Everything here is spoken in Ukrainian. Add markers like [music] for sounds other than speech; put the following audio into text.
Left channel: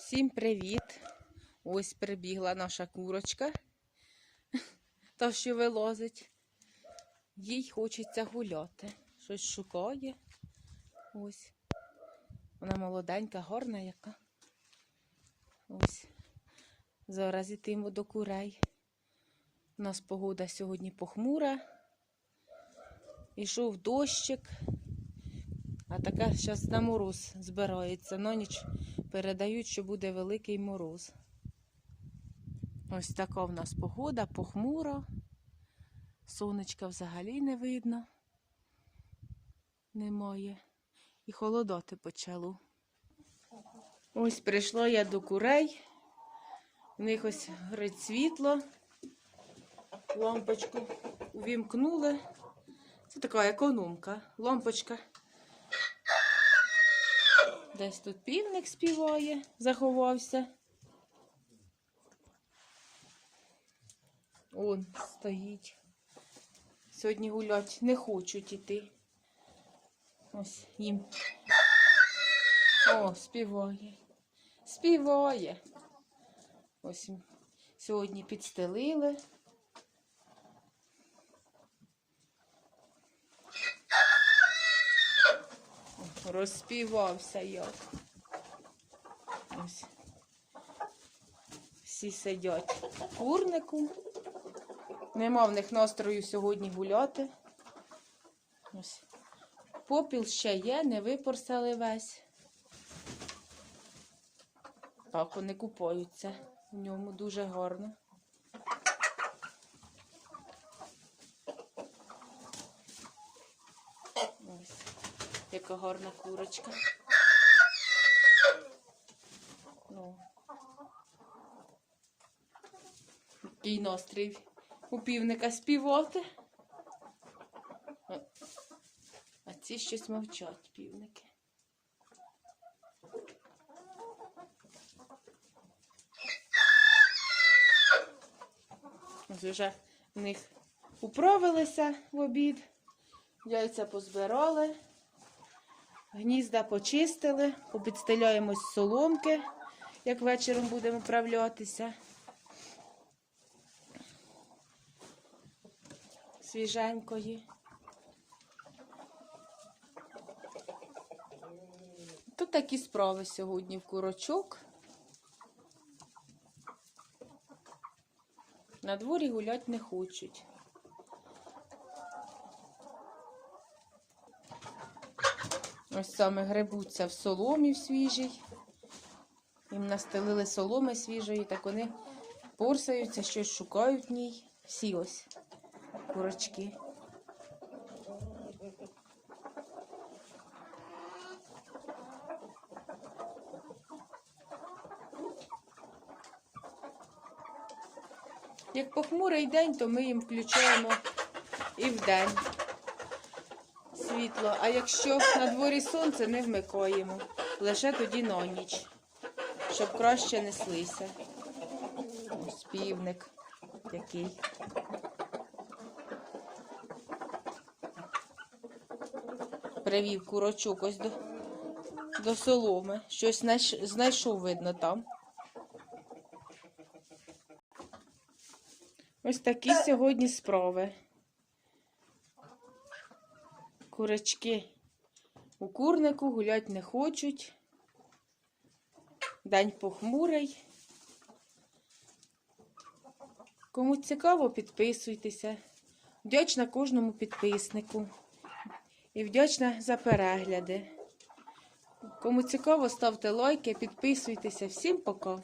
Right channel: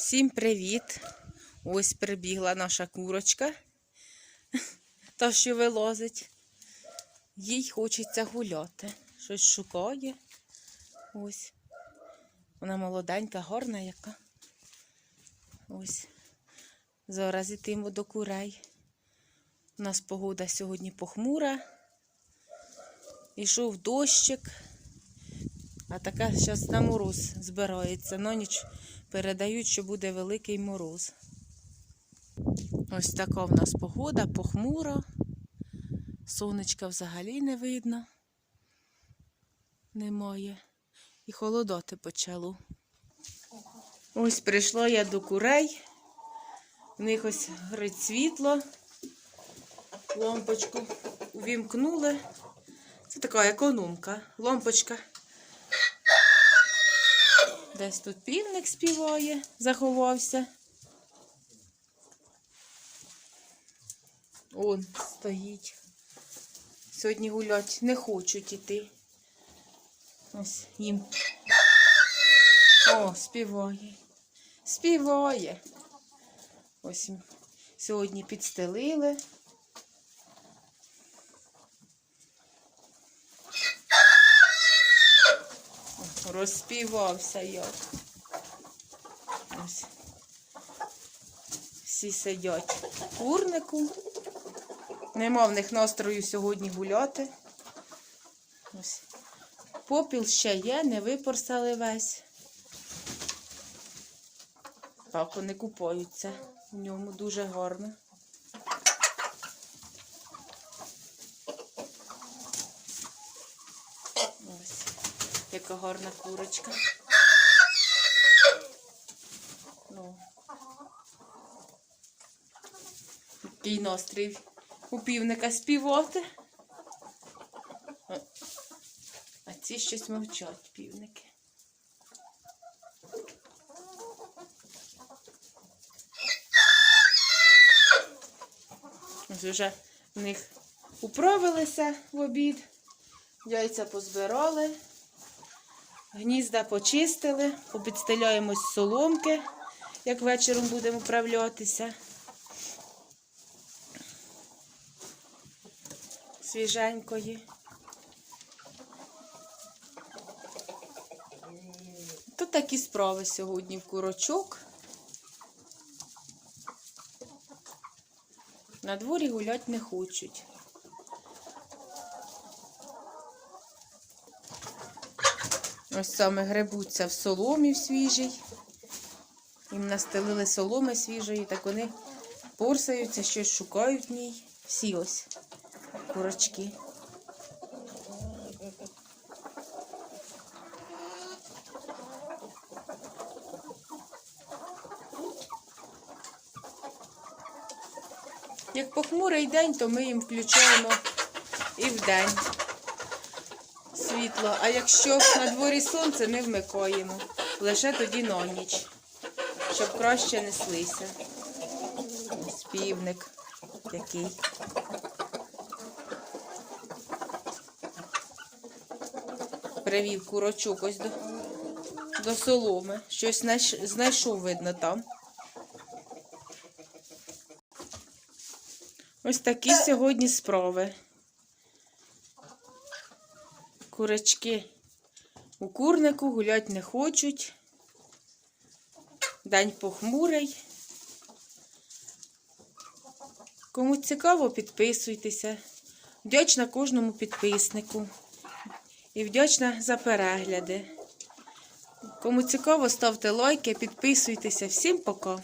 Всім привіт! Ось прибігла наша курочка, [laughs] та що вилозить. Їй хочеться гуляти. Щось шукає. Ось. Вона молоденька, гарна яка. Ось. Зараз ітимо до курей. У нас погода сьогодні похмура. Ішов дощик. А така зараз на мороз збирається. На ніч передають, що буде великий мороз. Ось така в нас погода, похмура. Сонечка взагалі не видно. Немає. І холодати почало. Ось прийшла я до курей. В них ось горить світло. Лампочку увімкнули. Це така економка. Лампочка. Десь тут півник співає, заховався. Он стоїть. Сьогодні гулять не хочуть іти. Ось їм. О, співає. Співає. Ось сьогодні підстелили. О, Розспівався я. Ось. Всі сидять в курнику. Нема в них настрою сьогодні гуляти. Ось. Попіл ще є, не випорсали весь. Так, вони купаються. В ньому дуже гарно. Ось, яка гарна курочка. Ну. Який настрій у півника співати. А- ці щось мовчать, півники. Вже в них управилися в обід, яйця позбирали, гнізда почистили, обідстеляємо з соломки, як вечором будемо управлятися. Свіженької. Тут такі справи сьогодні в курочок. На дворі гулять не хочуть. Ось саме гребуться в соломі в свіжій. Їм настелили соломи свіжої, так вони порсаються, щось шукають в ній. Всі ось курочки. Як похмурий день, то ми їм включаємо і вдень світло. А якщо на дворі сонце, ми вмикаємо. Лише тоді на ніч, щоб краще неслися. Ось півник який. Привів курочок ось до, до соломи. Щось знайшов, видно, там. Ось такі сьогодні справи. Курочки у курнику гулять не хочуть. День похмурий. Кому цікаво, підписуйтеся. Вдячна кожному підписнику. І вдячна за перегляди. Кому цікаво, ставте лайки, підписуйтеся. Всім пока!